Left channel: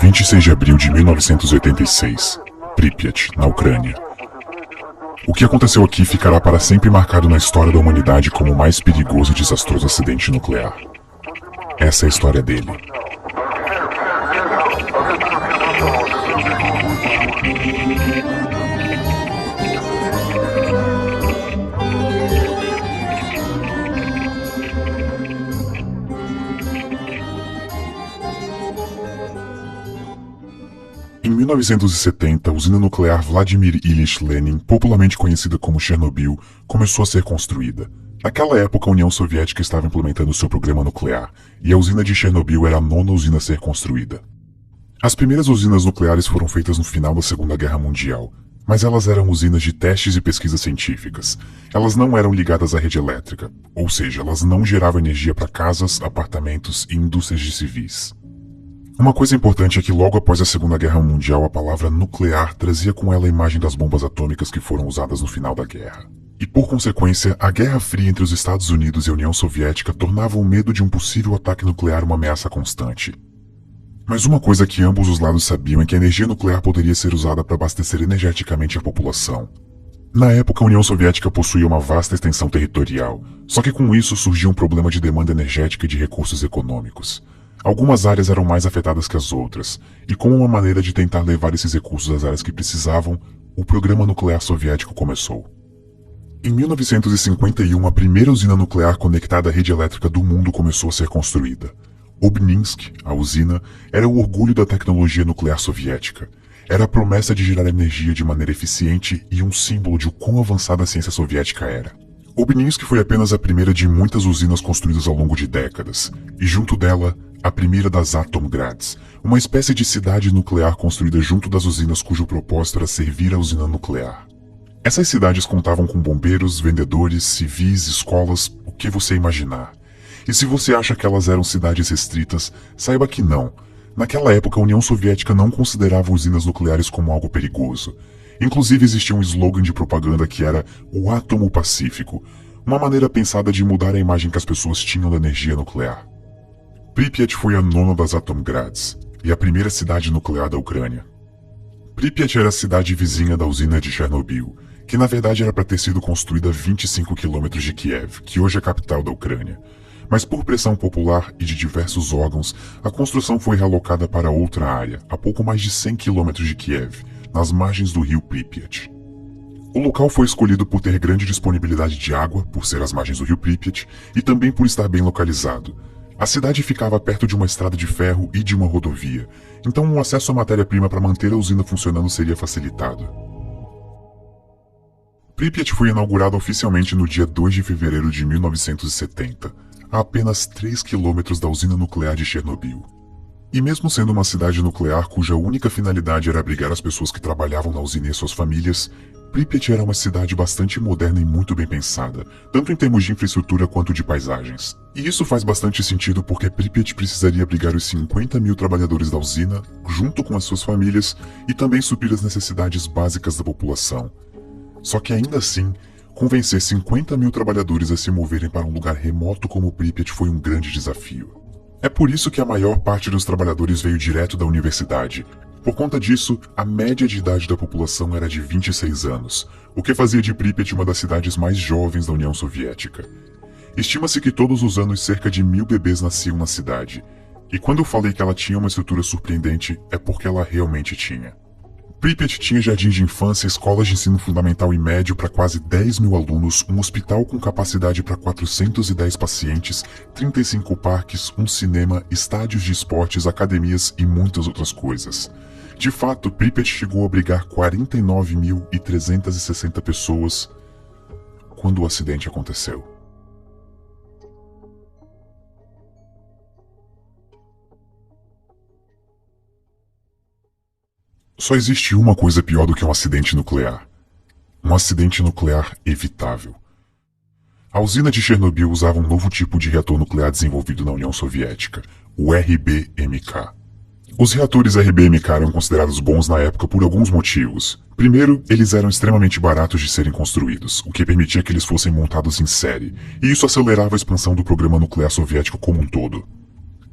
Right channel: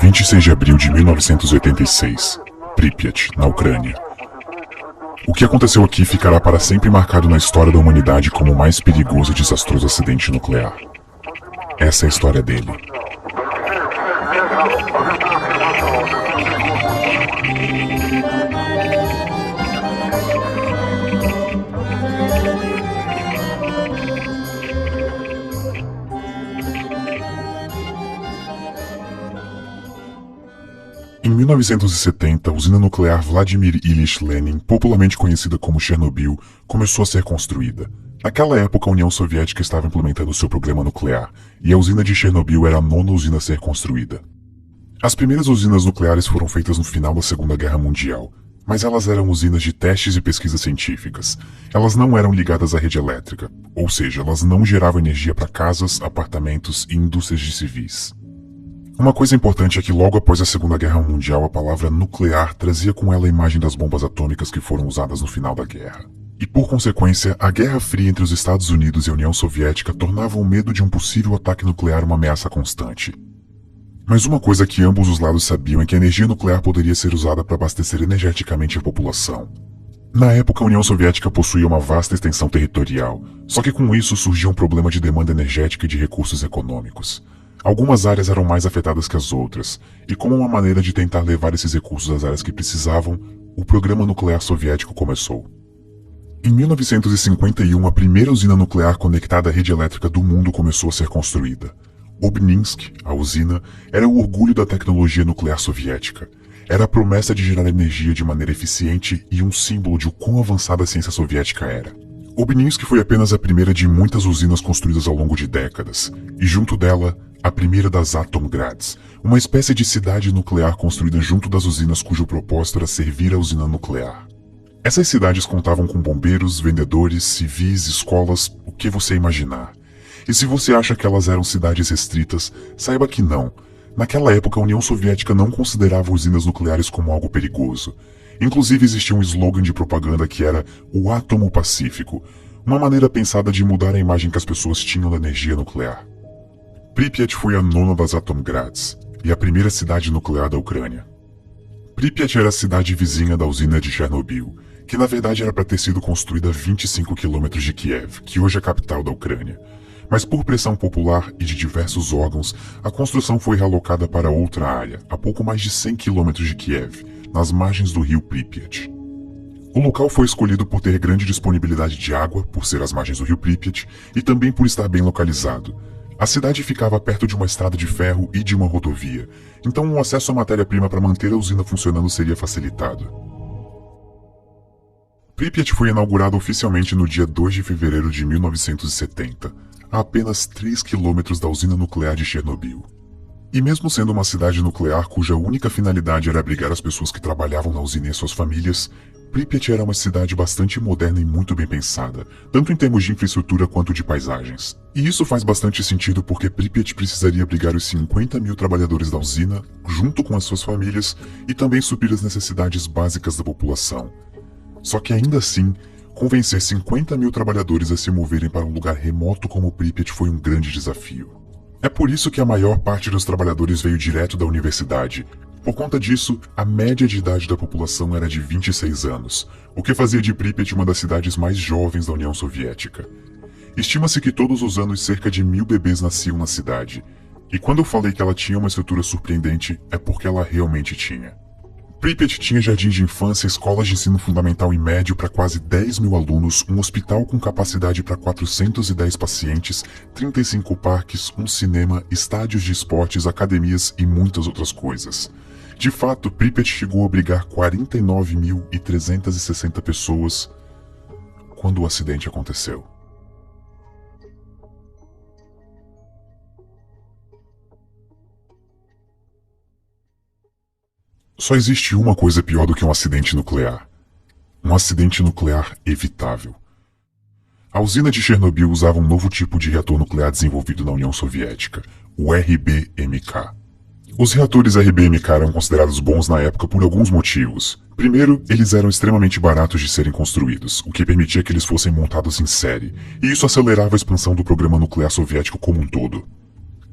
26 de abril de 1986, Pripyat, na Ucrânia. O que aconteceu aqui ficará para sempre marcado na história da humanidade como o mais perigoso e desastroso acidente nuclear. Essa é a história dele. Em 1970, a usina nuclear Vladimir Ilyich Lenin, popularmente conhecida como Chernobyl, começou a ser construída. Naquela época, a União Soviética estava implementando seu programa nuclear, e a usina de Chernobyl era a nona usina a ser construída. As primeiras usinas nucleares foram feitas no final da Segunda Guerra Mundial, mas elas eram usinas de testes e pesquisas científicas. Elas não eram ligadas à rede elétrica, ou seja, elas não geravam energia para casas, apartamentos e indústrias de civis. Uma coisa importante é que logo após a Segunda Guerra Mundial, a palavra nuclear trazia com ela a imagem das bombas atômicas que foram usadas no final da guerra. E por consequência, a Guerra Fria entre os Estados Unidos e a União Soviética tornava o medo de um possível ataque nuclear uma ameaça constante. Mas uma coisa que ambos os lados sabiam é que a energia nuclear poderia ser usada para abastecer energeticamente a população. Na época, a União Soviética possuía uma vasta extensão territorial, só que com isso surgia um problema de demanda energética e de recursos econômicos. Algumas áreas eram mais afetadas que as outras, e como uma maneira de tentar levar esses recursos às áreas que precisavam, o programa nuclear soviético começou. Em 1951, a primeira usina nuclear conectada à rede elétrica do mundo começou a ser construída. Obninsk, a usina, era o orgulho da tecnologia nuclear soviética. Era a promessa de gerar energia de maneira eficiente e um símbolo de quão avançada a ciência soviética era. Obninsk foi apenas a primeira de muitas usinas construídas ao longo de décadas, e junto dela, a primeira das Atomgrads, uma espécie de cidade nuclear construída junto das usinas cujo propósito era servir a usina nuclear. Essas cidades contavam com bombeiros, vendedores, civis, escolas, o que você imaginar. E se você acha que elas eram cidades restritas, saiba que não. Naquela época, a União Soviética não considerava usinas nucleares como algo perigoso. Inclusive existia um slogan de propaganda que era o átomo pacífico, uma maneira pensada de mudar a imagem que as pessoas tinham da energia nuclear. Pripyat foi a nona das Atomgrads e a primeira cidade nuclear da Ucrânia. Pripyat era a cidade vizinha da usina de Chernobyl, que na verdade era para ter sido construída a 25 quilômetros de Kiev, que hoje é a capital da Ucrânia. Mas por pressão popular e de diversos órgãos, a construção foi realocada para outra área, a pouco mais de 100 quilômetros de Kiev, nas margens do rio Pripyat. O local foi escolhido por ter grande disponibilidade de água, por ser as margens do rio Pripyat, e também por estar bem localizado. A cidade ficava perto de uma estrada de ferro e de uma rodovia, então o acesso à matéria-prima para manter a usina funcionando seria facilitado. Pripyat foi inaugurada oficialmente no dia 2 de fevereiro de 1970, a apenas 3 quilômetros da usina nuclear de Chernobyl. E mesmo sendo uma cidade nuclear cuja única finalidade era abrigar as pessoas que trabalhavam na usina e suas famílias, Pripyat era uma cidade bastante moderna e muito bem pensada, tanto em termos de infraestrutura quanto de paisagens. E isso faz bastante sentido porque Pripyat precisaria abrigar os 50 mil trabalhadores da usina, junto com as suas famílias, e também suprir as necessidades básicas da população. Só que ainda assim, convencer 50 mil trabalhadores a se moverem para um lugar remoto como Pripyat foi um grande desafio. É por isso que a maior parte dos trabalhadores veio direto da universidade. Por conta disso, a média de idade da população era de 26 anos, o que fazia de Pripyat uma das cidades mais jovens da União Soviética. Estima-se que todos os anos cerca de 1000 bebês nasciam na cidade, e quando eu falei que ela tinha uma estrutura surpreendente, é porque ela realmente tinha. Pripyat tinha jardim de infância, escolas de ensino fundamental e médio para quase 10 mil alunos, um hospital com capacidade para 410 pacientes, 35 parques, um cinema, estádios de esportes, academias e muitas outras coisas. De fato, Pripyat chegou a abrigar 49.360 pessoas quando o acidente aconteceu. Só existe uma coisa pior do que um acidente nuclear. Um acidente nuclear evitável. A usina de Chernobyl usava um novo tipo de reator nuclear desenvolvido na União Soviética, o RBMK. Os reatores RBMK eram considerados bons na época por alguns motivos. Primeiro, eles eram extremamente baratos de serem construídos, o que permitia que eles fossem montados em série, e isso acelerava a expansão do programa nuclear soviético como um todo.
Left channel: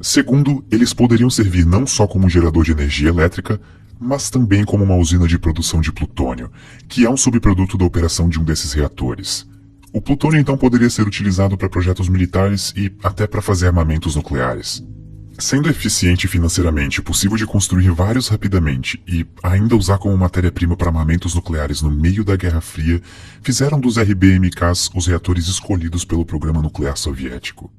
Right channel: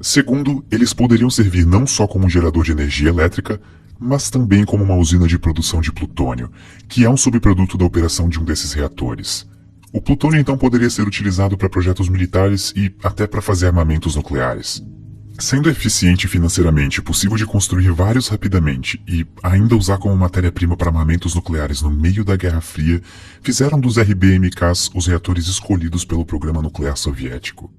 Segundo, eles poderiam servir não só como um gerador de energia elétrica, mas também como uma usina de produção de plutônio, que é um subproduto da operação de um desses reatores. O plutônio então poderia ser utilizado para projetos militares e até para fazer armamentos nucleares. Sendo eficiente financeiramente, possível de construir vários rapidamente e ainda usar como matéria-prima para armamentos nucleares no meio da Guerra Fria, fizeram dos RBMKs os reatores escolhidos pelo programa nuclear soviético.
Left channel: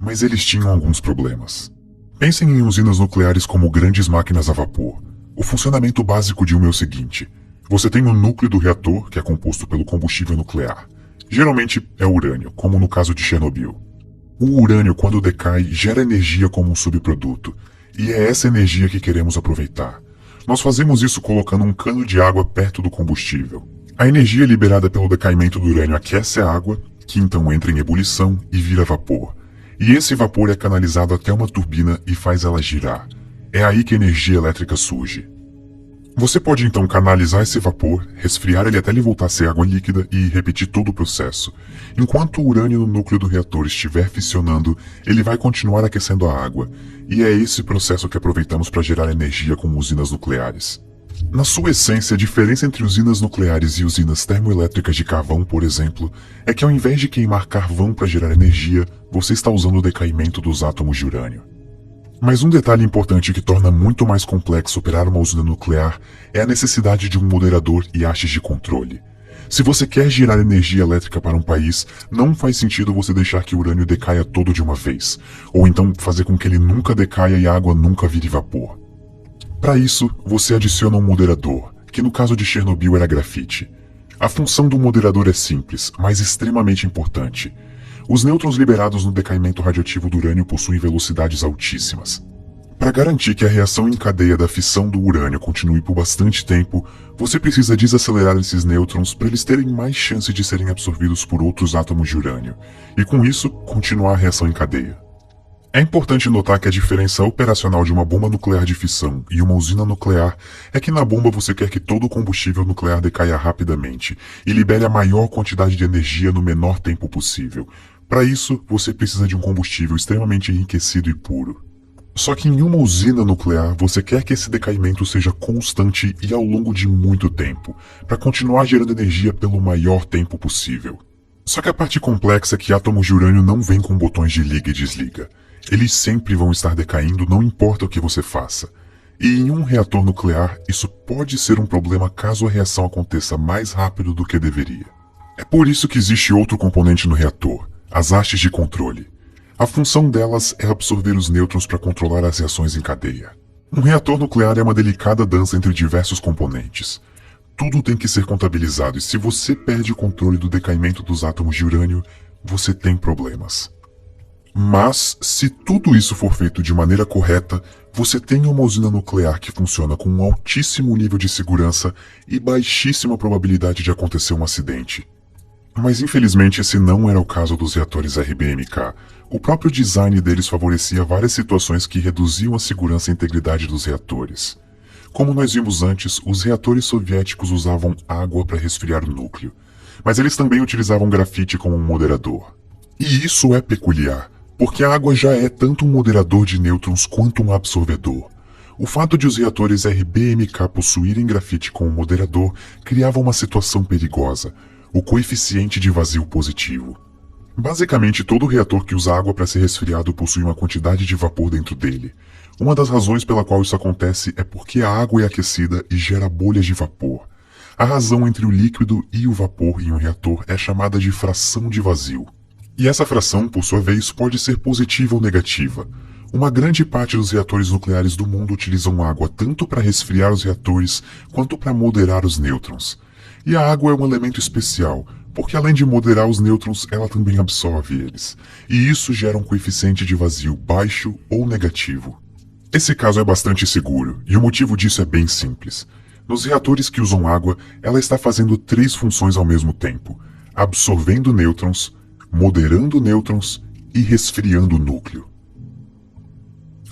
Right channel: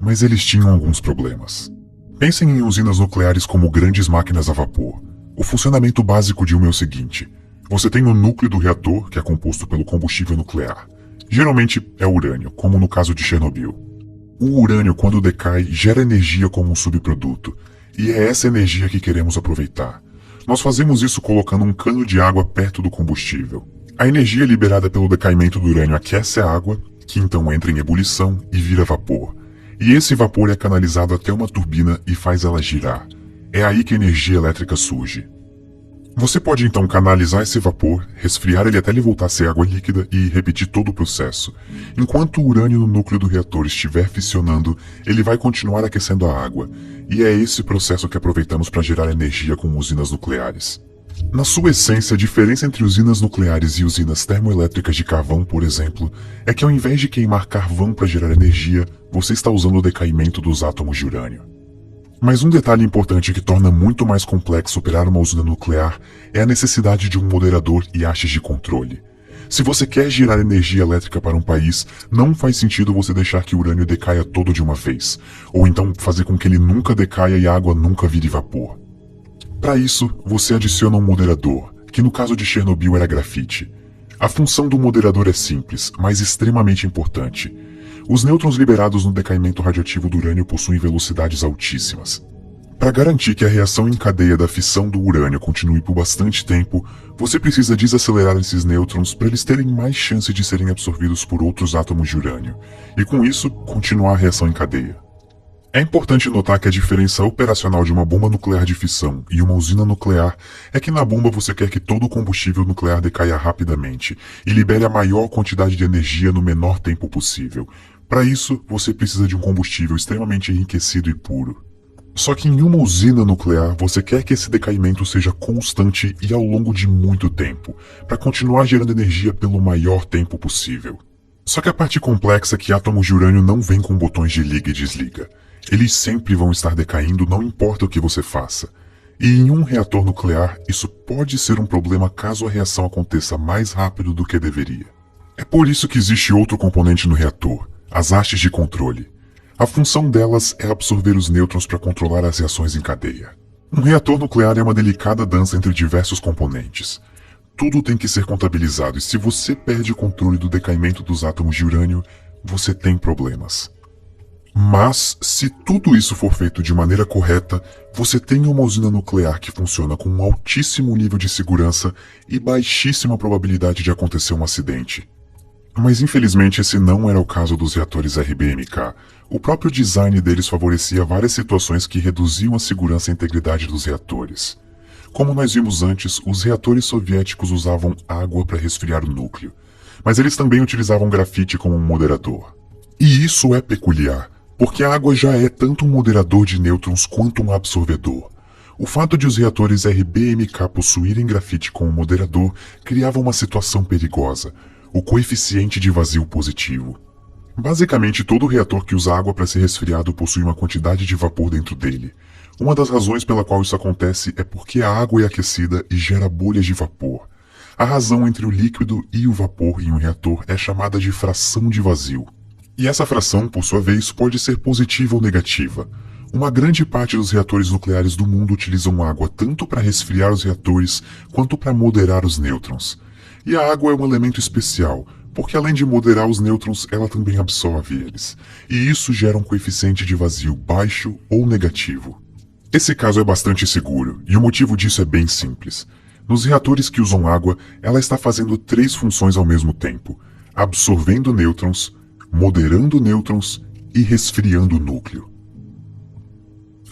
Mas eles tinham alguns problemas. Pensem em usinas nucleares como grandes máquinas a vapor. O funcionamento básico de uma é o seguinte: você tem o núcleo do reator, que é composto pelo combustível nuclear. Geralmente é urânio, como no caso de Chernobyl. O urânio, quando decai, gera energia como um subproduto, e é essa energia que queremos aproveitar. Nós fazemos isso colocando um cano de água perto do combustível. A energia liberada pelo decaimento do urânio aquece a água, que então entra em ebulição e vira vapor. E esse vapor é canalizado até uma turbina e faz ela girar. É aí que a energia elétrica surge. Você pode então canalizar esse vapor, resfriar ele até ele voltar a ser água líquida e repetir todo o processo. Enquanto o urânio no núcleo do reator estiver fissionando, ele vai continuar aquecendo a água, e é esse processo que aproveitamos para gerar energia com usinas nucleares. Na sua essência, a diferença entre usinas nucleares e usinas termoelétricas de carvão, por exemplo, é que ao invés de queimar carvão para gerar energia, você está usando o decaimento dos átomos de urânio. Mas um detalhe importante que torna muito mais complexo operar uma usina nuclear é a necessidade de um moderador e hastes de controle. Se você quer gerar energia elétrica para um país, não faz sentido você deixar que o urânio decaia tudo de uma vez, ou então fazer com que ele nunca decaia e a água nunca vire vapor. Para isso, você adiciona um moderador, que no caso de Chernobyl era grafite. A função do moderador é simples, mas extremamente importante. Os nêutrons liberados no decaimento radioativo do urânio possuem velocidades altíssimas. Para garantir que a reação em cadeia da fissão do urânio continue por bastante tempo, você precisa desacelerar esses nêutrons para eles terem mais chance de serem absorvidos por outros átomos de urânio, e com isso, continuar a reação em cadeia. É importante notar que a diferença operacional de uma bomba nuclear de fissão e uma usina nuclear é que na bomba você quer que todo o combustível nuclear decaia rapidamente e libere a maior quantidade de energia no menor tempo possível. Para isso, você precisa de um combustível extremamente enriquecido e puro. Só que em uma usina nuclear, você quer que esse decaimento seja constante e ao longo de muito tempo, para continuar gerando energia pelo maior tempo possível. Só que a parte complexa é que átomos de urânio não vêm com botões de liga e desliga. Eles sempre vão estar decaindo, não importa o que você faça. E em um reator nuclear, isso pode ser um problema caso a reação aconteça mais rápido do que deveria. É por isso que existe outro componente no reator, as hastes de controle. A função delas é absorver os nêutrons para controlar as reações em cadeia. Um reator nuclear é uma delicada dança entre diversos componentes. Tudo tem que ser contabilizado e se você perde o controle do decaimento dos átomos de urânio, você tem problemas. Mas, se tudo isso for feito de maneira correta, você tem uma usina nuclear que funciona com um altíssimo nível de segurança e baixíssima probabilidade de acontecer um acidente. Mas infelizmente esse não era o caso dos reatores RBMK. O próprio design deles favorecia várias situações que reduziam a segurança e integridade dos reatores. Como nós vimos antes, os reatores soviéticos usavam água para resfriar o núcleo, mas eles também utilizavam grafite como um moderador. E isso é peculiar, porque a água já é tanto um moderador de nêutrons quanto um absorvedor. O fato de os reatores RBMK possuírem grafite como moderador criava uma situação perigosa, o coeficiente de vazio positivo. Basicamente, todo reator que usa água para ser resfriado possui uma quantidade de vapor dentro dele. Uma das razões pela qual isso acontece é porque a água é aquecida e gera bolhas de vapor. A razão entre o líquido e o vapor em um reator é chamada de fração de vazio. E essa fração, por sua vez, pode ser positiva ou negativa. Uma grande parte dos reatores nucleares do mundo utilizam água tanto para resfriar os reatores quanto para moderar os nêutrons. E a água é um elemento especial, porque além de moderar os nêutrons, ela também absorve eles. E isso gera um coeficiente de vazio baixo ou negativo. Esse caso é bastante seguro, e o motivo disso é bem simples. Nos reatores que usam água, ela está fazendo 3 funções ao mesmo tempo: absorvendo nêutrons, moderando nêutrons e resfriando o núcleo.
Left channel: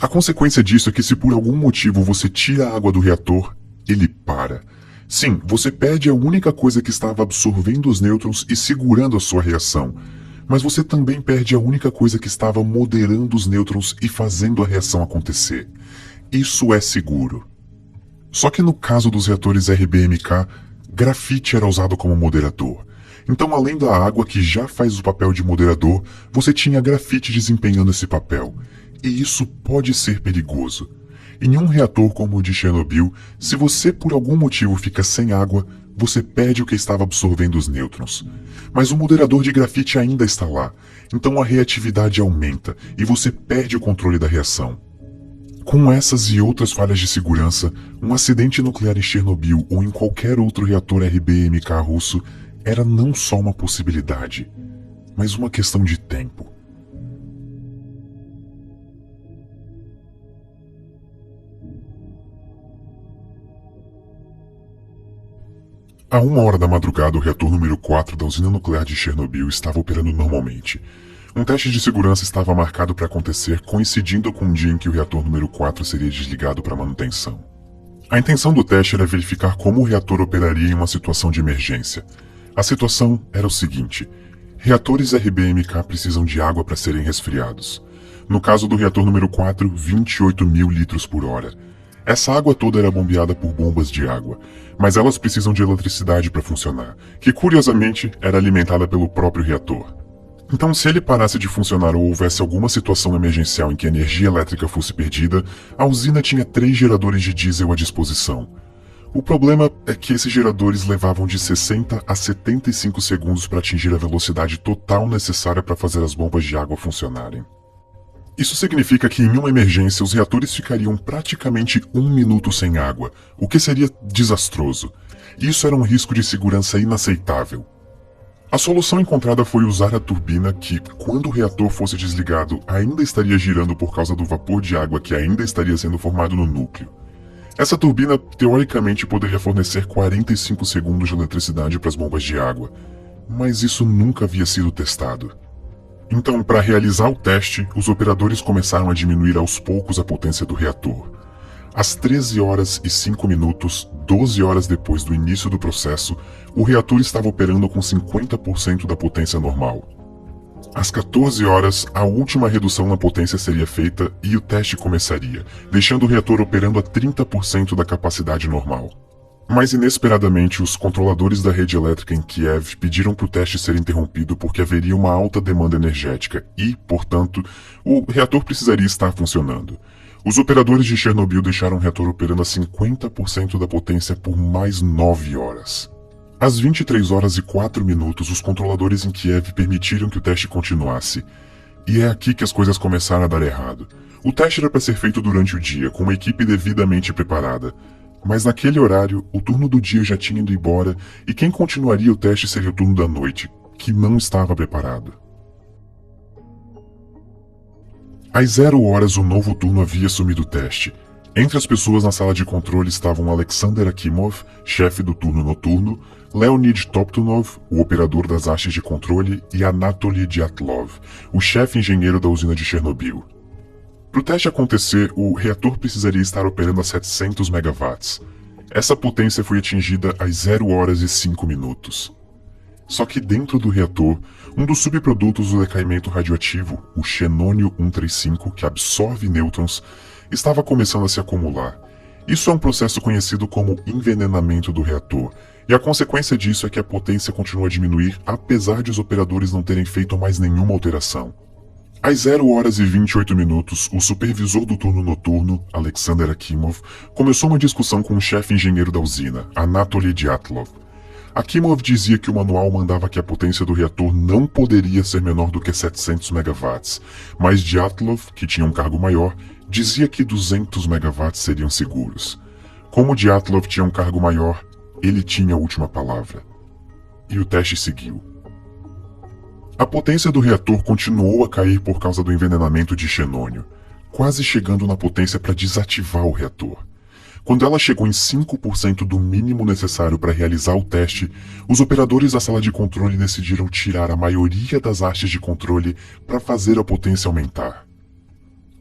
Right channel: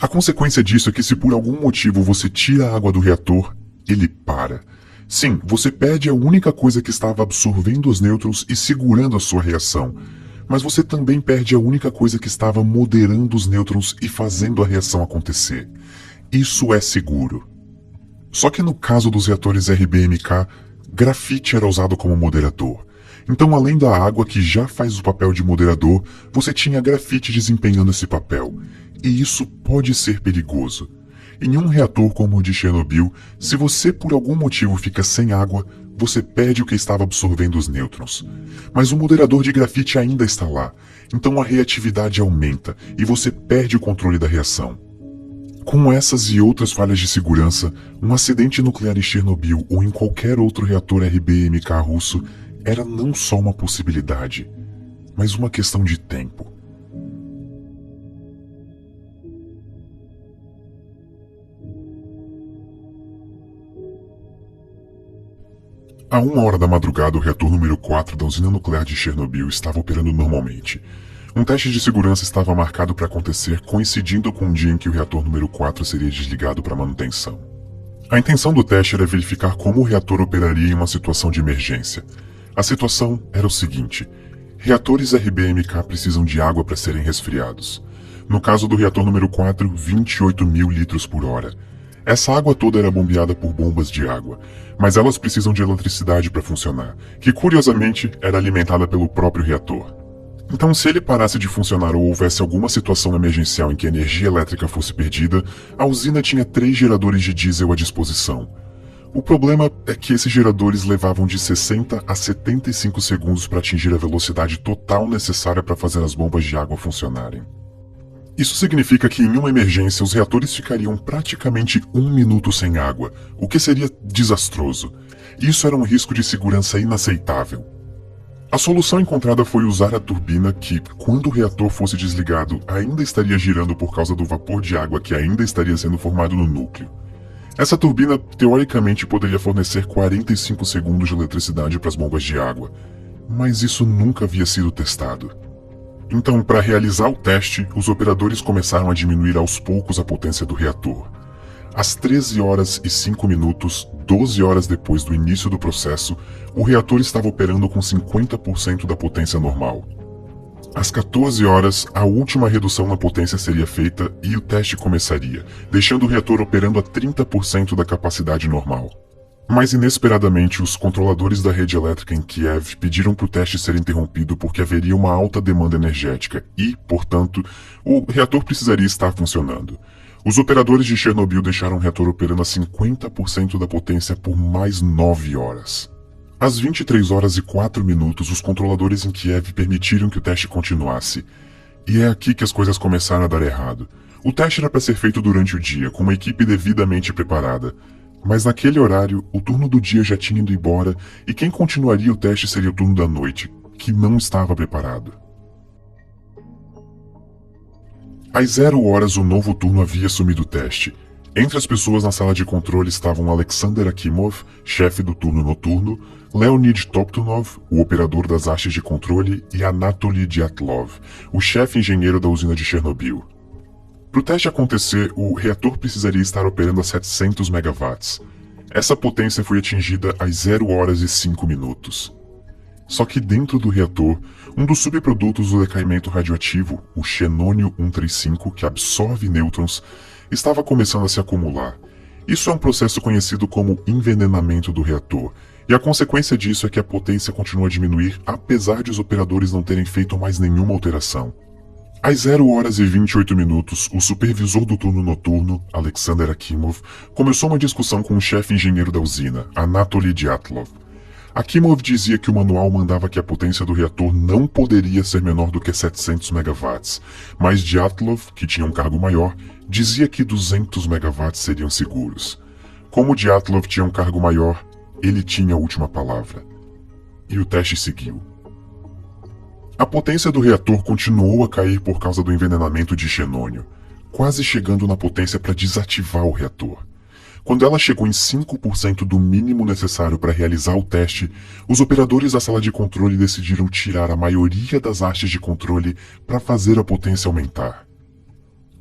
A consequência disso é que se por algum motivo você tira a água do reator, ele para. Sim, você perde a única coisa que estava absorvendo os nêutrons e segurando a sua reação. Mas você também perde a única coisa que estava moderando os nêutrons e fazendo a reação acontecer. Isso é seguro. Só que no caso dos reatores RBMK, grafite era usado como moderador. Então, além da água que já faz o papel de moderador, você tinha grafite desempenhando esse papel. E isso pode ser perigoso. Em um reator como o de Chernobyl, se você por algum motivo fica sem água, você perde o que estava absorvendo os nêutrons. Mas o moderador de grafite ainda está lá, então a reatividade aumenta e você perde o controle da reação. Com essas e outras falhas de segurança, um acidente nuclear em Chernobyl ou em qualquer outro reator RBMK russo era não só uma possibilidade, mas uma questão de tempo. À 1h da madrugada, o reator número 4 da usina nuclear de Chernobyl estava operando normalmente. Um teste de segurança estava marcado para acontecer, coincidindo com o dia em que o reator número 4 seria desligado para manutenção. A intenção do teste era verificar como o reator operaria em uma situação de emergência. A situação era o seguinte: reatores RBMK precisam de água para serem resfriados. No caso do reator número 4, 28 mil litros por hora. Essa água toda era bombeada por bombas de água, mas elas precisam de eletricidade para funcionar, que curiosamente era alimentada pelo próprio reator. Então, se ele parasse de funcionar ou houvesse alguma situação emergencial em que a energia elétrica fosse perdida, a usina tinha 3 geradores de diesel à disposição. O problema é que esses geradores levavam de 60 a 75 segundos para atingir a velocidade total necessária para fazer as bombas de água funcionarem. Isso significa que em uma emergência os reatores ficariam praticamente 1 minuto sem água, o que seria desastroso. Isso era um risco de segurança inaceitável. A solução encontrada foi usar a turbina que, quando o reator fosse desligado, ainda estaria girando por causa do vapor de água que ainda estaria sendo formado no núcleo. Essa turbina, teoricamente, poderia fornecer 45 segundos de eletricidade para as bombas de água, mas isso nunca havia sido testado. Então, para realizar o teste, os operadores começaram a diminuir aos poucos a potência do reator. Às 13h05, 12 horas depois do início do processo, o reator estava operando com 50% da potência normal. Às 14 horas, a última redução na potência seria feita e o teste começaria, deixando o reator operando a 30% da capacidade normal. Mas inesperadamente, os controladores da rede elétrica em Kiev pediram para o teste ser interrompido porque haveria uma alta demanda energética e, portanto, o reator precisaria estar funcionando. Os operadores de Chernobyl deixaram o reator operando a 50% da potência por mais 9 horas. Às 23h04, os controladores em Kiev permitiram que o teste continuasse. E é aqui que as coisas começaram a dar errado. O teste era para ser feito durante o dia, com uma equipe devidamente preparada. Mas naquele horário, o turno do dia já tinha ido embora e quem continuaria o teste seria o turno da noite, que não estava preparado. Às 0h, o novo turno havia assumido o teste. Entre as pessoas na sala de controle estavam Alexander Akimov, chefe do turno noturno, Leonid Toptunov, o operador das hastes de controle, e Anatoly Dyatlov, o chefe engenheiro da usina de Chernobyl. Para o teste acontecer, o reator precisaria estar operando a 700 megawatts. Essa potência foi atingida às 0h05. Só que dentro do reator, um dos subprodutos do decaimento radioativo, o xenônio-135, que absorve nêutrons, estava começando a se acumular. Isso é um processo conhecido como envenenamento do reator, e a consequência disso é que a potência continua a diminuir apesar de os operadores não terem feito mais nenhuma alteração. Às 0h28, o supervisor do turno noturno, Alexander Akimov, começou uma discussão com o chefe engenheiro da usina, Anatoly Dyatlov. Akimov dizia que o manual mandava que a potência do reator não poderia ser menor do que 700 megawatts, mas Dyatlov, que tinha um cargo maior, dizia que 200 megawatts seriam seguros. Como Dyatlov tinha um cargo maior, ele tinha a última palavra. E o teste seguiu. A potência do reator continuou a cair por causa do envenenamento de xenônio, quase chegando na potência para desativar o reator. Quando ela chegou em 5% do mínimo necessário para realizar o teste, os operadores da sala de controle decidiram tirar a maioria das hastes de controle para fazer a potência aumentar.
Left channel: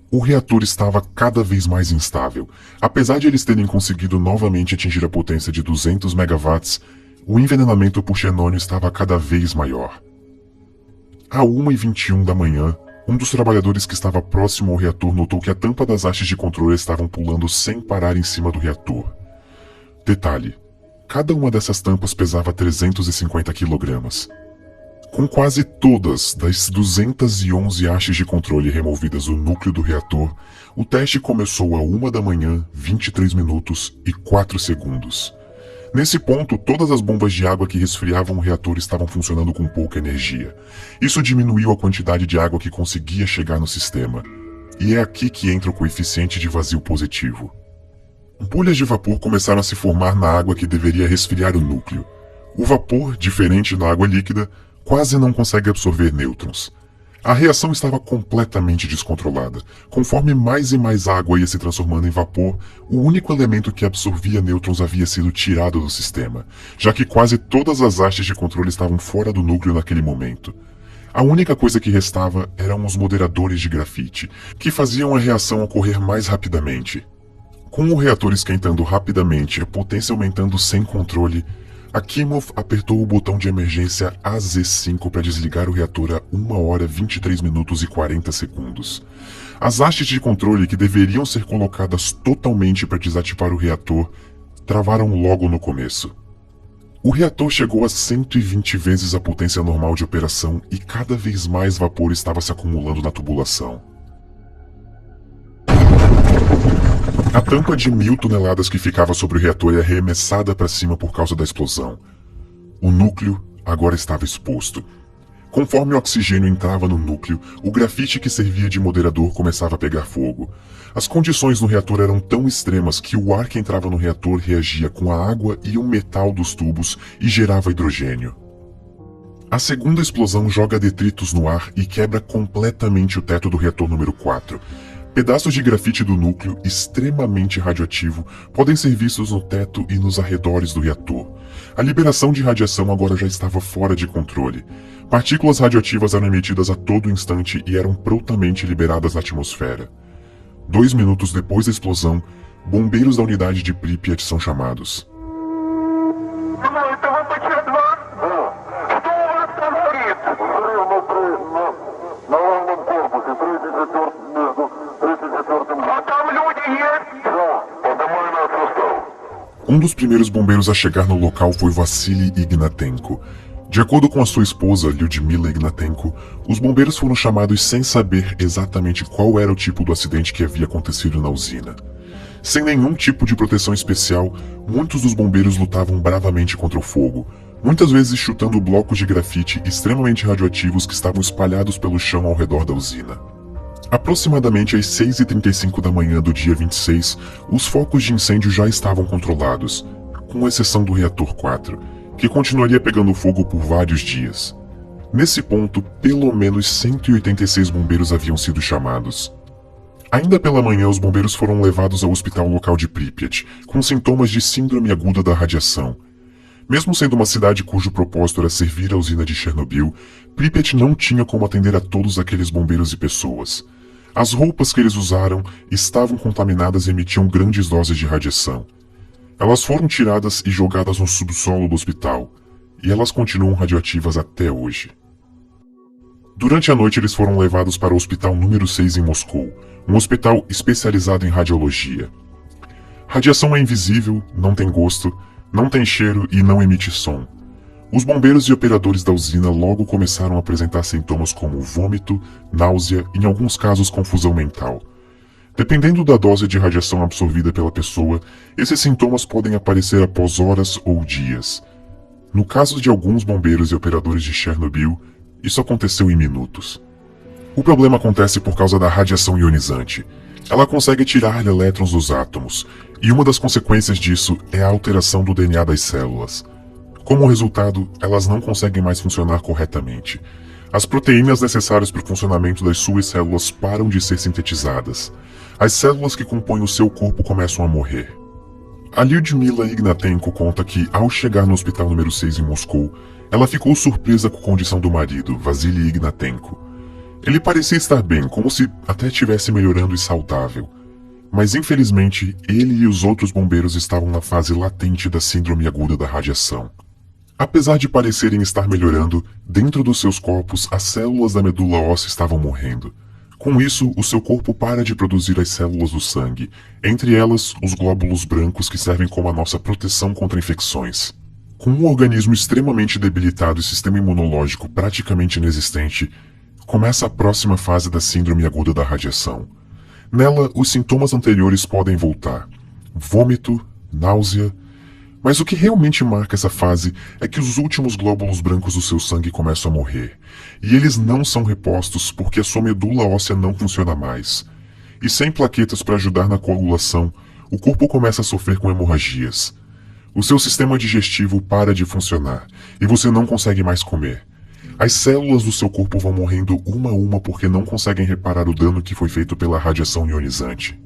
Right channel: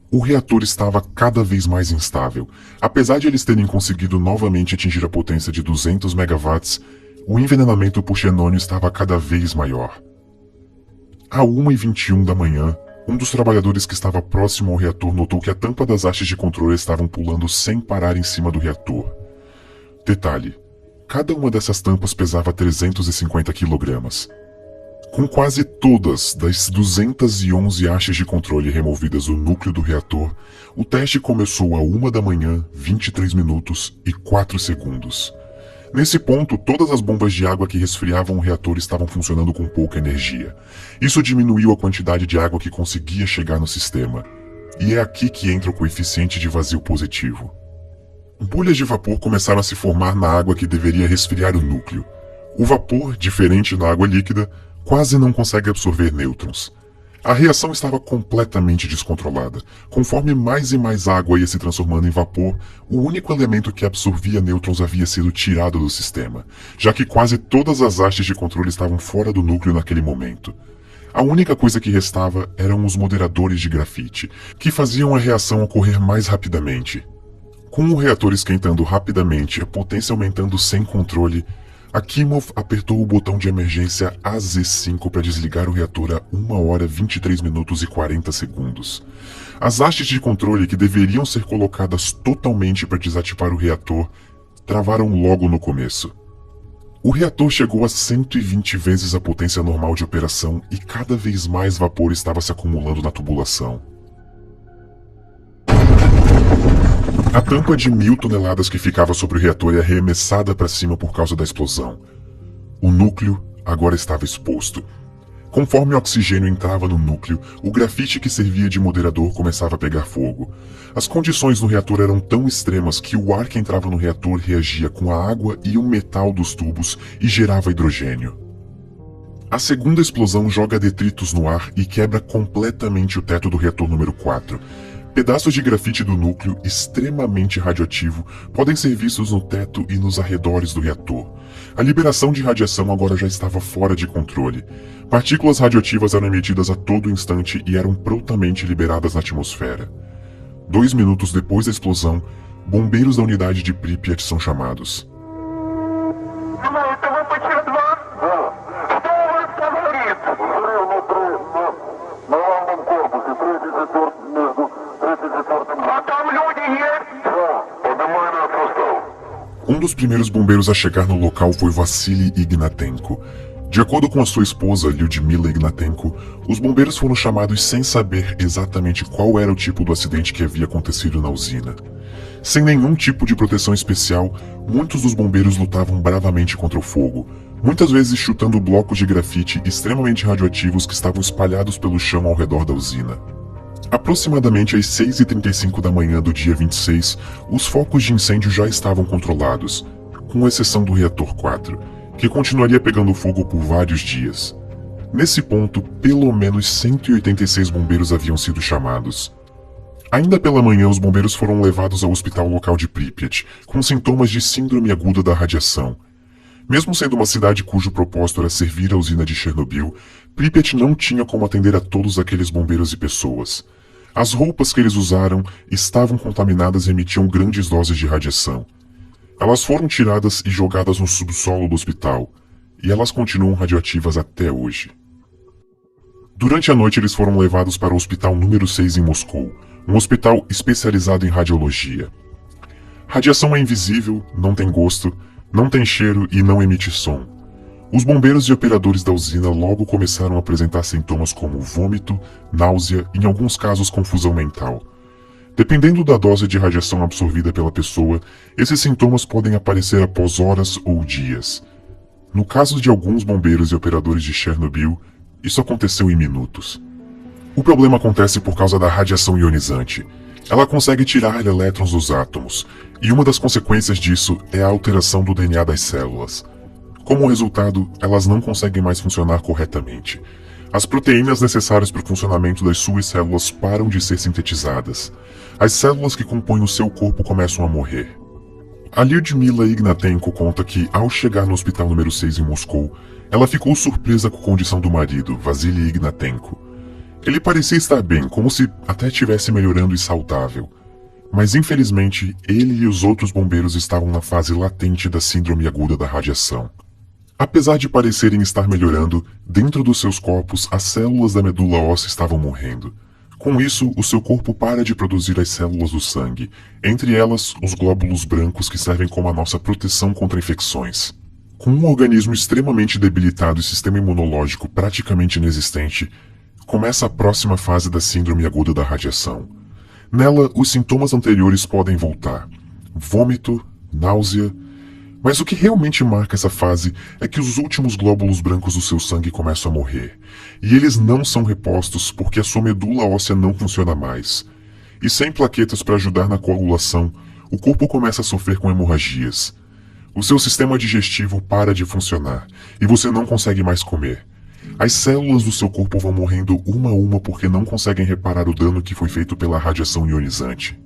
O reator estava cada vez mais instável. Apesar de eles terem conseguido novamente atingir a potência de 200 megawatts, o envenenamento por xenônio estava cada vez maior. À 1h21 da manhã, um dos trabalhadores que estava próximo ao reator notou que a tampa das hastes de controle estavam pulando sem parar em cima do reator. Detalhe: cada uma dessas tampas pesava 350 kg. Com quase todas das 211 hastes de controle removidas do núcleo do reator, o teste começou à 1 da manhã, 23 minutos e 4 segundos. Nesse ponto, todas as bombas de água que resfriavam o reator estavam funcionando com pouca energia. Isso diminuiu a quantidade de água que conseguia chegar no sistema. E é aqui que entra o coeficiente de vazio positivo. Bolhas de vapor começaram a se formar na água que deveria resfriar o núcleo. O vapor, diferente da água líquida, quase não consegue absorver nêutrons. A reação estava completamente descontrolada. Conforme mais e mais água ia se transformando em vapor, o único elemento que absorvia nêutrons havia sido tirado do sistema, já que quase todas as hastes de controle estavam fora do núcleo naquele momento. A única coisa que restava eram os moderadores de grafite, que faziam a reação ocorrer mais rapidamente. Com o reator esquentando rapidamente e a potência aumentando sem controle, Akimov apertou o botão de emergência AZ5 para desligar o reator a 1 hora 23 minutos e 40 segundos. As hastes de controle que deveriam ser colocadas totalmente para desativar o reator travaram logo no começo. O reator chegou a 120 vezes a potência normal de operação e cada vez mais vapor estava se acumulando na tubulação. A tampa de 1000 toneladas que ficava sobre o reator é arremessada para cima por causa da explosão. O núcleo agora estava exposto. Conforme o oxigênio entrava no núcleo, o grafite que servia de moderador começava a pegar fogo. As condições do reator eram tão extremas que o ar que entrava no reator reagia com a água e o metal dos tubos e gerava hidrogênio. A segunda explosão joga detritos no ar e quebra completamente o teto do reator número 4. Pedaços de grafite do núcleo, extremamente radioativo, podem ser vistos no teto e nos arredores do reator. A liberação de radiação agora já estava fora de controle. Partículas radioativas eram emitidas a todo instante e eram prontamente liberadas na atmosfera. 2 minutos depois da explosão, bombeiros da unidade de Pripyat são chamados. Um dos primeiros bombeiros a chegar no local foi Vassily Ignatenko. De acordo com a sua esposa, Lyudmila Ignatenko, os bombeiros foram chamados sem saber exatamente qual era o tipo do acidente que havia acontecido na usina. Sem nenhum tipo de proteção especial, muitos dos bombeiros lutavam bravamente contra o fogo, muitas vezes chutando blocos de grafite extremamente radioativos que estavam espalhados pelo chão ao redor da usina. Aproximadamente às 6h35 da manhã do dia 26, os focos de incêndio já estavam controlados, com exceção do reator 4, que continuaria pegando fogo por vários dias. Nesse ponto, pelo menos 186 bombeiros haviam sido chamados. Ainda pela manhã, os bombeiros foram levados ao hospital local de Pripyat, com sintomas de síndrome aguda da radiação. Mesmo sendo uma cidade cujo propósito era servir a usina de Chernobyl, Pripyat não tinha como atender a todos aqueles bombeiros e pessoas. As roupas que eles usaram estavam contaminadas e emitiam grandes doses de radiação. Elas foram tiradas e jogadas no subsolo do hospital, e elas continuam radioativas até hoje. Durante a noite eles foram levados para o hospital número 6 em Moscou, um hospital especializado em radiologia. Radiação é invisível, não tem gosto, não tem cheiro e não emite som. Os bombeiros e operadores da usina logo começaram a apresentar sintomas como vômito, náusea e, em alguns casos, confusão mental. Dependendo da dose de radiação absorvida pela pessoa, esses sintomas podem aparecer após horas ou dias. No caso de alguns bombeiros e operadores de Chernobyl, isso aconteceu em minutos. O problema acontece por causa da radiação ionizante. Ela consegue tirar elétrons dos átomos, e uma das consequências disso é a alteração do DNA das células. Como resultado, elas não conseguem mais funcionar corretamente. As proteínas necessárias para o funcionamento das suas células param de ser sintetizadas. As células que compõem o seu corpo começam a morrer. A Lyudmila Ignatenko conta que, ao chegar no hospital número 6 em Moscou, ela ficou surpresa com a condição do marido, Vassily Ignatenko. Ele parecia estar bem, como se até estivesse melhorando e saudável. Mas infelizmente, ele e os outros bombeiros estavam na fase latente da síndrome aguda da radiação. Apesar de parecerem estar melhorando, dentro dos seus corpos as células da medula óssea estavam morrendo. Com isso, o seu corpo para de produzir as células do sangue, entre elas os glóbulos brancos que servem como a nossa proteção contra infecções. Com um organismo extremamente debilitado e sistema imunológico praticamente inexistente, começa a próxima fase da síndrome aguda da radiação. Nela, os sintomas anteriores podem voltar: vômito, náusea. Mas o que realmente marca essa fase é que os últimos glóbulos brancos do seu sangue começam a morrer, e eles não são repostos porque a sua medula óssea não funciona mais. E sem plaquetas para ajudar na coagulação, o corpo começa a sofrer com hemorragias. O seu sistema digestivo para de funcionar, e você não consegue mais comer. As células do seu corpo vão morrendo uma a uma porque não conseguem reparar o dano que foi feito pela radiação ionizante.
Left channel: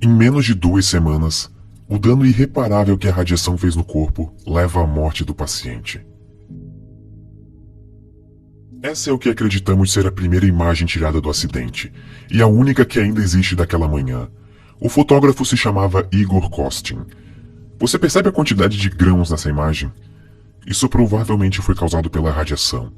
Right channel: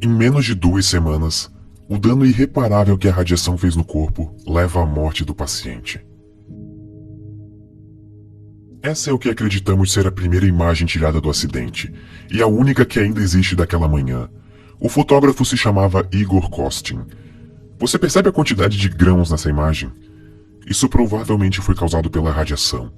Em menos de 2 semanas, o dano irreparável que a radiação fez no corpo leva à morte do paciente. Essa é o que acreditamos ser a primeira imagem tirada do acidente, e a única que ainda existe daquela manhã. O fotógrafo se chamava Igor Kostin. Você percebe a quantidade de grãos nessa imagem? Isso provavelmente foi causado pela radiação.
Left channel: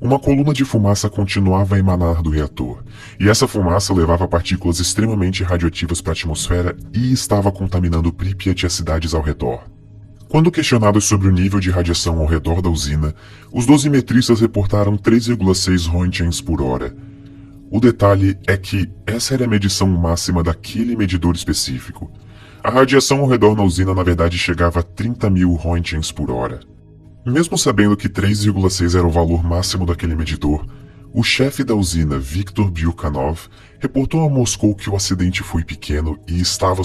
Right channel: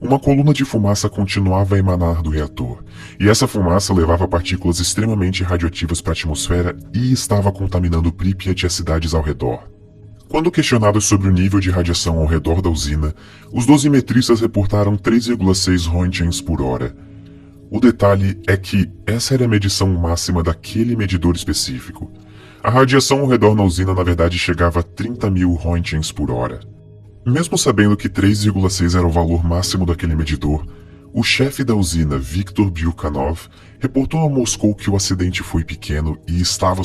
Uma coluna de fumaça continuava a emanar do reator, e essa fumaça levava partículas extremamente radioativas para a atmosfera e estava contaminando Pripyat e as cidades ao redor. Quando questionados sobre o nível de radiação ao redor da usina, os dosimetristas reportaram 3,6 röntgens por hora. O detalhe é que essa era a medição máxima daquele medidor específico. A radiação ao redor da usina na verdade chegava a 30.000 röntgens por hora. Mesmo sabendo que 3,6 era o valor máximo daquele medidor, o chefe da usina, Viktor Byukhanov, reportou a Moscou que o acidente foi pequeno e estava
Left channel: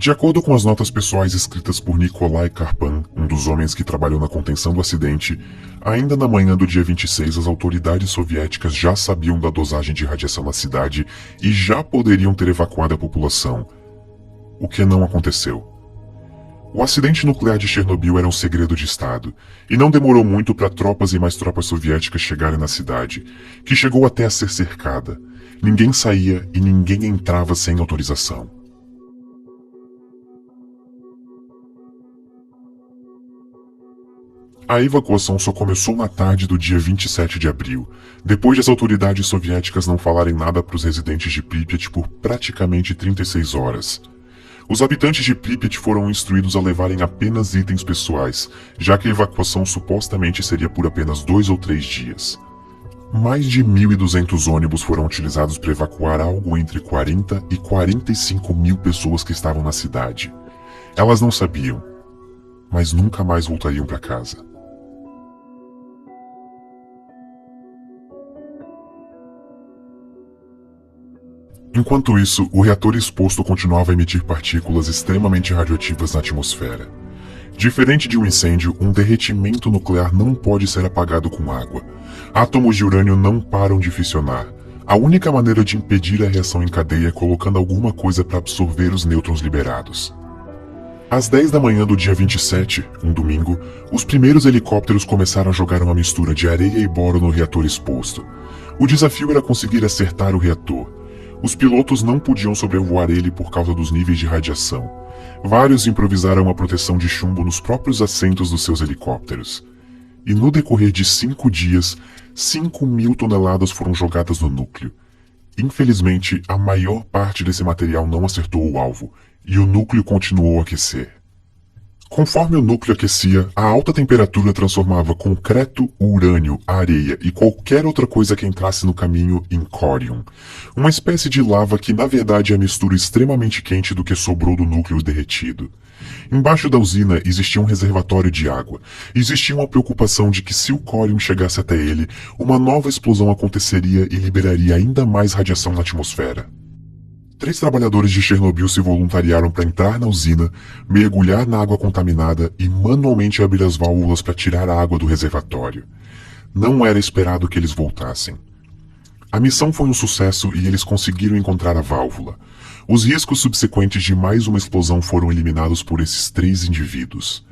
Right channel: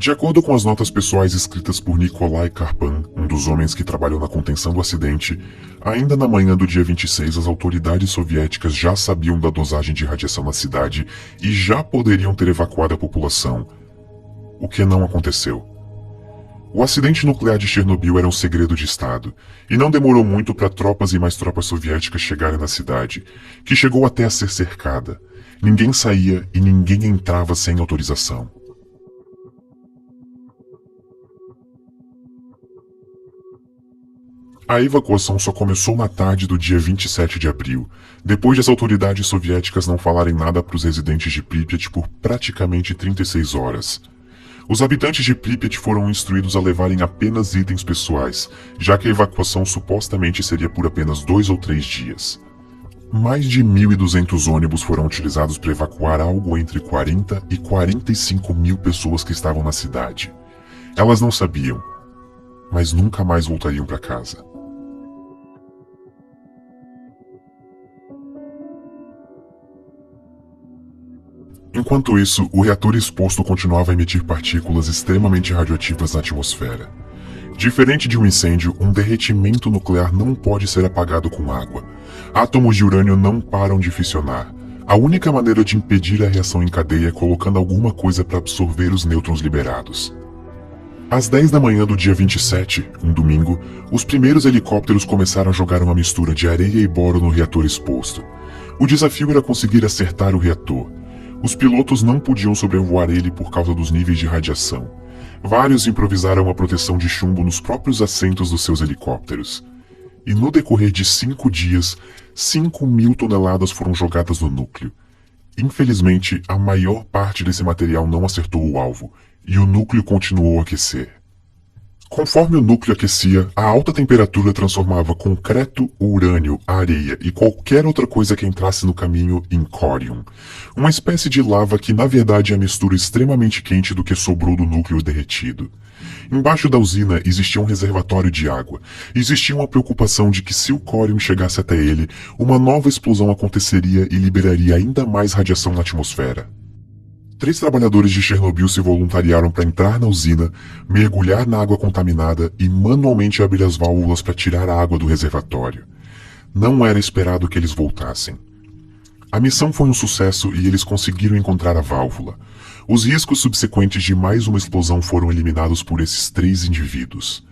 De acordo com as notas pessoais escritas por Nikolai Karpan, um dos homens que trabalhou na contenção do acidente, ainda na manhã do dia 26 as autoridades soviéticas já sabiam da dosagem de radiação na cidade e já poderiam ter evacuado a população. O que não aconteceu. O acidente nuclear de Chernobyl era um segredo de Estado, e não demorou muito para tropas e mais tropas soviéticas chegarem na cidade, que chegou até a ser cercada. Ninguém saía e ninguém entrava sem autorização. A evacuação só começou na tarde do dia 27 de abril, depois de as autoridades soviéticas não falarem nada para os residentes de Pripyat por praticamente 36 horas. Os habitantes de Pripyat foram instruídos a levarem apenas itens pessoais, já que a evacuação supostamente seria por apenas 2 ou 3 dias. Mais de 1.200 ônibus foram utilizados para evacuar algo entre 40 e 45 mil pessoas que estavam na cidade. Elas não sabiam, mas nunca mais voltariam para casa. Enquanto isso, o reator exposto continuava a emitir partículas extremamente radioativas na atmosfera. Diferente de um incêndio, um derretimento nuclear não pode ser apagado com água. Átomos de urânio não param de fissionar. A única maneira de impedir a reação em cadeia é colocando alguma coisa para absorver os nêutrons liberados. Às 10 da manhã do dia 27, um domingo, os primeiros helicópteros começaram a jogar uma mistura de areia e boro no reator exposto. O desafio era conseguir acertar o reator. Os pilotos não podiam sobrevoar ele por causa dos níveis de radiação. Vários improvisaram uma proteção de chumbo nos próprios assentos dos seus helicópteros. E no decorrer de 5 dias, 5.000 toneladas foram jogadas no núcleo. Infelizmente, a maior parte desse material não acertou o alvo, e o núcleo continuou a aquecer. Conforme o núcleo aquecia, a alta temperatura transformava concreto, urânio, areia e qualquer outra coisa que entrasse no caminho em córium, uma espécie de lava que na verdade é a mistura extremamente quente do que sobrou do núcleo derretido. Embaixo da usina existia um reservatório de água, e existia uma preocupação de que se o córium chegasse até ele, uma nova explosão aconteceria e liberaria ainda mais radiação na atmosfera. 3 trabalhadores de Chernobyl se voluntariaram para entrar na usina, mergulhar na água contaminada e manualmente abrir as válvulas para tirar a água do reservatório. Não era esperado que eles voltassem. A missão foi um sucesso e eles conseguiram encontrar a válvula. Os riscos subsequentes de mais uma explosão foram eliminados por esses 3 indivíduos.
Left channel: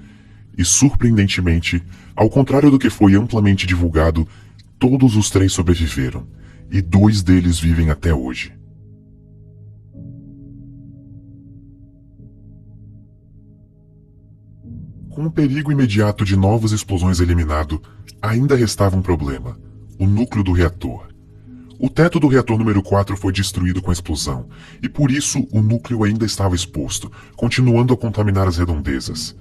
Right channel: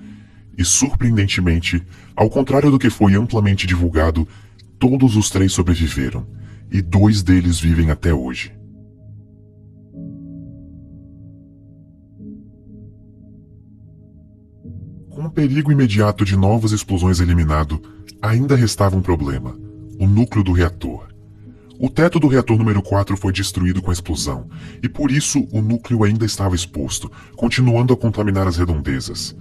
E surpreendentemente, ao contrário do que foi amplamente divulgado, todos os 3 sobreviveram, e 2 deles vivem até hoje. Com o perigo imediato de novas explosões eliminado, ainda restava um problema: o núcleo do reator. O teto do reator número 4 foi destruído com a explosão, e por isso o núcleo ainda estava exposto, continuando a contaminar as redondezas.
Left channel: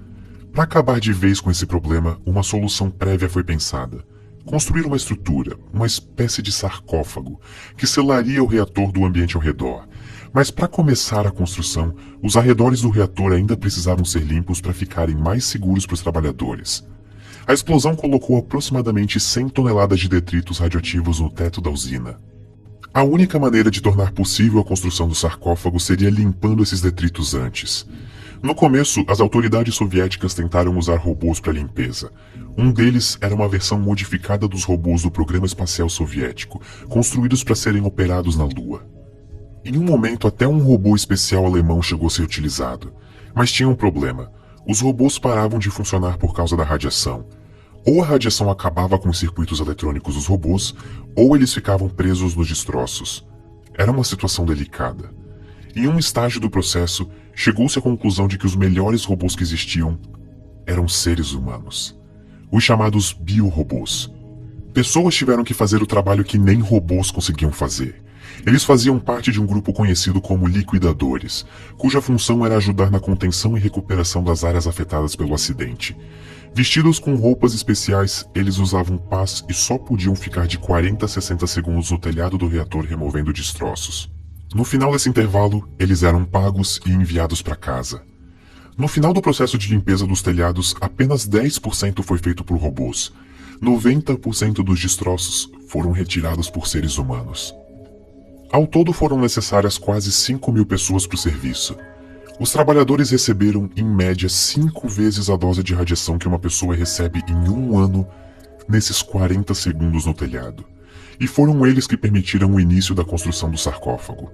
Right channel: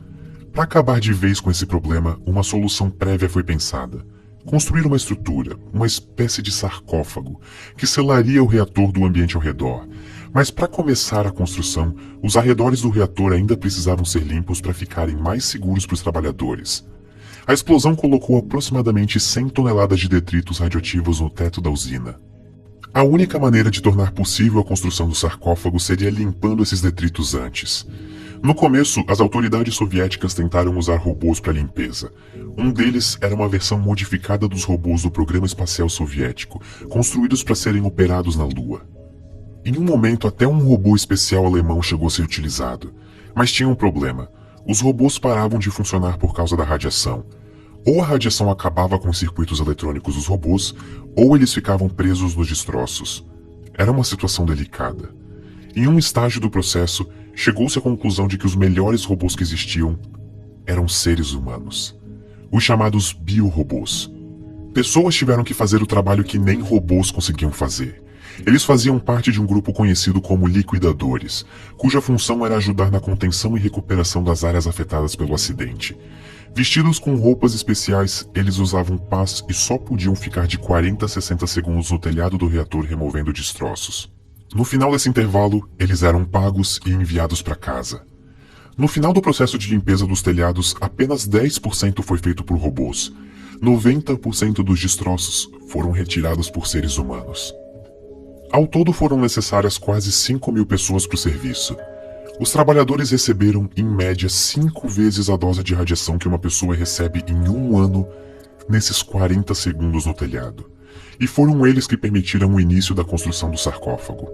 Para acabar de vez com esse problema, uma solução prévia foi pensada: construir uma estrutura, uma espécie de sarcófago, que selaria o reator do ambiente ao redor. Mas para começar a construção, os arredores do reator ainda precisavam ser limpos para ficarem mais seguros para os trabalhadores. A explosão colocou aproximadamente 100 toneladas de detritos radioativos no teto da usina. A única maneira de tornar possível a construção do sarcófago seria limpando esses detritos antes. No começo, as autoridades soviéticas tentaram usar robôs para limpeza. Um deles era uma versão modificada dos robôs do programa espacial soviético, construídos para serem operados na Lua. Em um momento, até um robô especial alemão chegou a ser utilizado. Mas tinha um problema: os robôs paravam de funcionar por causa da radiação. Ou a radiação acabava com os circuitos eletrônicos dos robôs, ou eles ficavam presos nos destroços. Era uma situação delicada. Em um estágio do processo, chegou-se à conclusão de que os melhores robôs que existiam eram seres humanos. Os chamados biorobôs. Pessoas tiveram que fazer o trabalho que nem robôs conseguiam fazer. Eles faziam parte de um grupo conhecido como liquidadores, cuja função era ajudar na contenção e recuperação das áreas afetadas pelo acidente. Vestidos com roupas especiais, eles usavam pás e só podiam ficar de 40 a 60 segundos no telhado do reator removendo destroços. No final desse intervalo, eles eram pagos e enviados para casa. No final do processo de limpeza dos telhados, apenas 10% foi feito por robôs. 90% dos destroços foram retirados por seres humanos. Ao todo foram necessárias quase 5.000 pessoas para o serviço. Os trabalhadores receberam, em média, 5 vezes a dose de radiação que uma pessoa recebe em um ano nesses 40 segundos no telhado. E foram eles que permitiram o início da construção do sarcófago.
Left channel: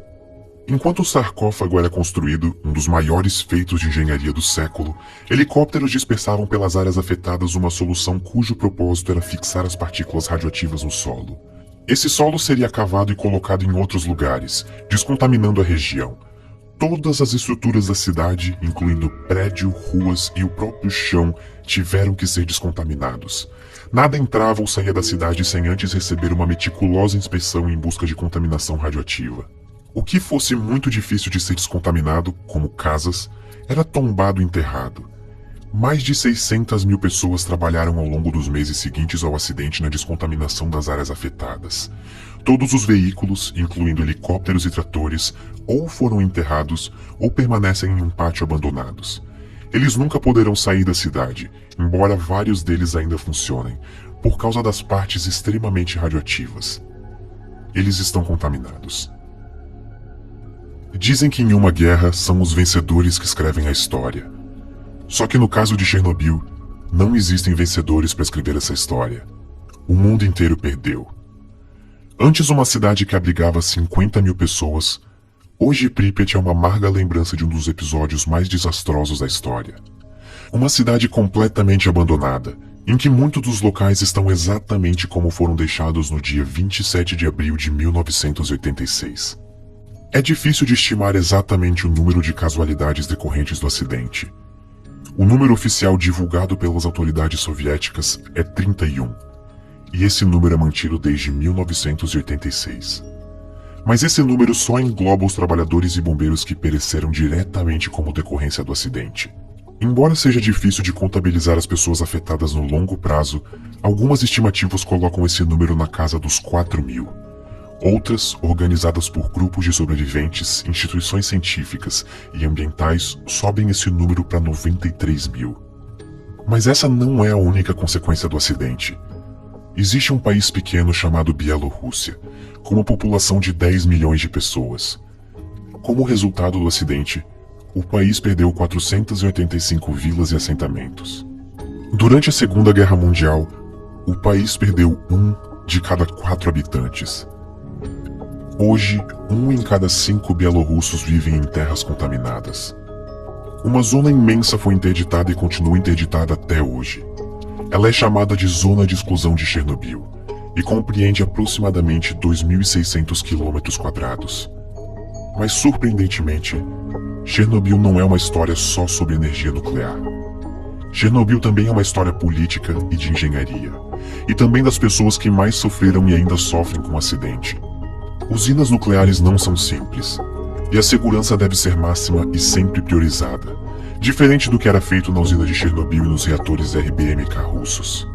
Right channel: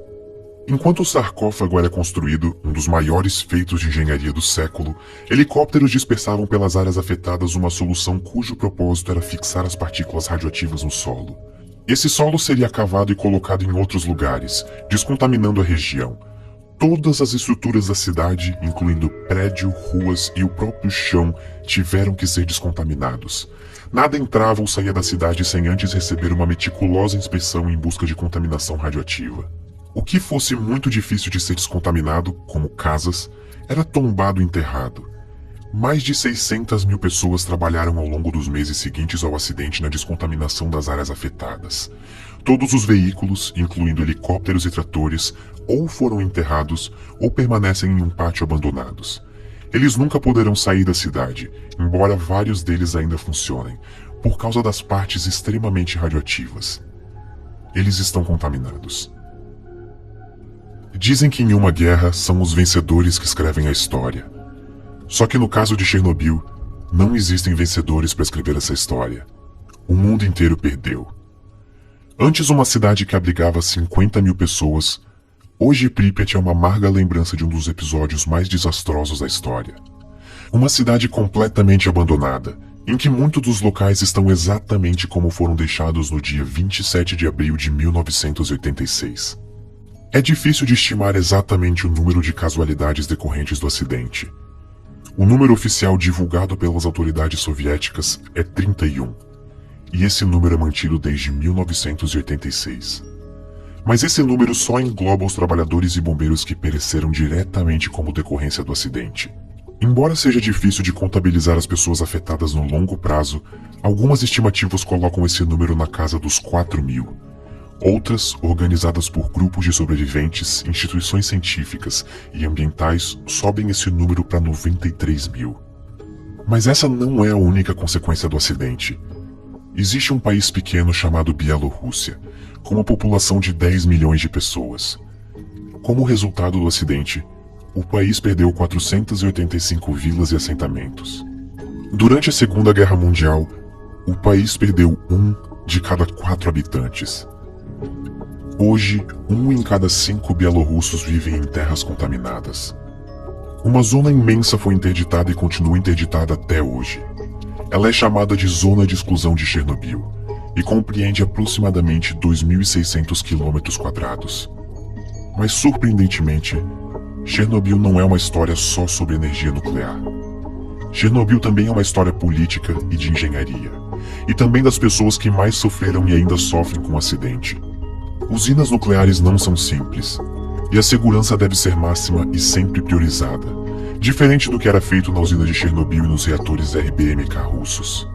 Enquanto o sarcófago era construído, um dos maiores feitos de engenharia do século, helicópteros dispersavam pelas áreas afetadas uma solução cujo propósito era fixar as partículas radioativas no solo. Esse solo seria cavado e colocado em outros lugares, descontaminando a região. Todas as estruturas da cidade, incluindo prédio, ruas e o próprio chão, tiveram que ser descontaminados. Nada entrava ou saía da cidade sem antes receber uma meticulosa inspeção em busca de contaminação radioativa. O que fosse muito difícil de ser descontaminado, como casas, era tombado e enterrado. Mais de 600.000 pessoas trabalharam ao longo dos meses seguintes ao acidente na descontaminação das áreas afetadas. Todos os veículos, incluindo helicópteros e tratores, ou foram enterrados ou permanecem em um pátio abandonados. Eles nunca poderão sair da cidade, embora vários deles ainda funcionem, por causa das partes extremamente radioativas. Eles estão contaminados. Dizem que em uma guerra são os vencedores que escrevem a história. Só que no caso de Chernobyl, não existem vencedores para escrever essa história. O mundo inteiro perdeu. Antes uma cidade que abrigava 50.000 pessoas, hoje Pripyat é uma amarga lembrança de um dos episódios mais desastrosos da história. Uma cidade completamente abandonada, em que muitos dos locais estão exatamente como foram deixados no dia 27 de abril de 1986. É difícil de estimar exatamente o número de casualidades decorrentes do acidente. O número oficial divulgado pelas autoridades soviéticas é 31, e esse número é mantido desde 1986. Mas esse número só engloba os trabalhadores e bombeiros que pereceram diretamente como decorrência do acidente. Embora seja difícil de contabilizar as pessoas afetadas no longo prazo, algumas estimativas colocam esse número na casa dos 4.000. Outras, organizadas por grupos de sobreviventes, instituições científicas e ambientais, sobem esse número para 93.000. Mas essa não é a única consequência do acidente. Existe um país pequeno chamado Bielorrússia, com uma população de 10 milhões de pessoas. Como resultado do acidente, o país perdeu 485 vilas e assentamentos. Durante a Segunda Guerra Mundial, o país perdeu 1 de cada 4 habitantes. Hoje, 1 em cada 5 bielorrussos vivem em terras contaminadas. Uma zona imensa foi interditada e continua interditada até hoje. Ela é chamada de Zona de Exclusão de Chernobyl e compreende aproximadamente 2.600 km². Mas surpreendentemente, Chernobyl não é uma história só sobre energia nuclear. Chernobyl também é uma história política e de engenharia, e também das pessoas que mais sofreram e ainda sofrem com o acidente. Usinas nucleares não são simples, e a segurança deve ser máxima e sempre priorizada, diferente do que era feito na usina de Chernobyl e nos reatores RBMK russos.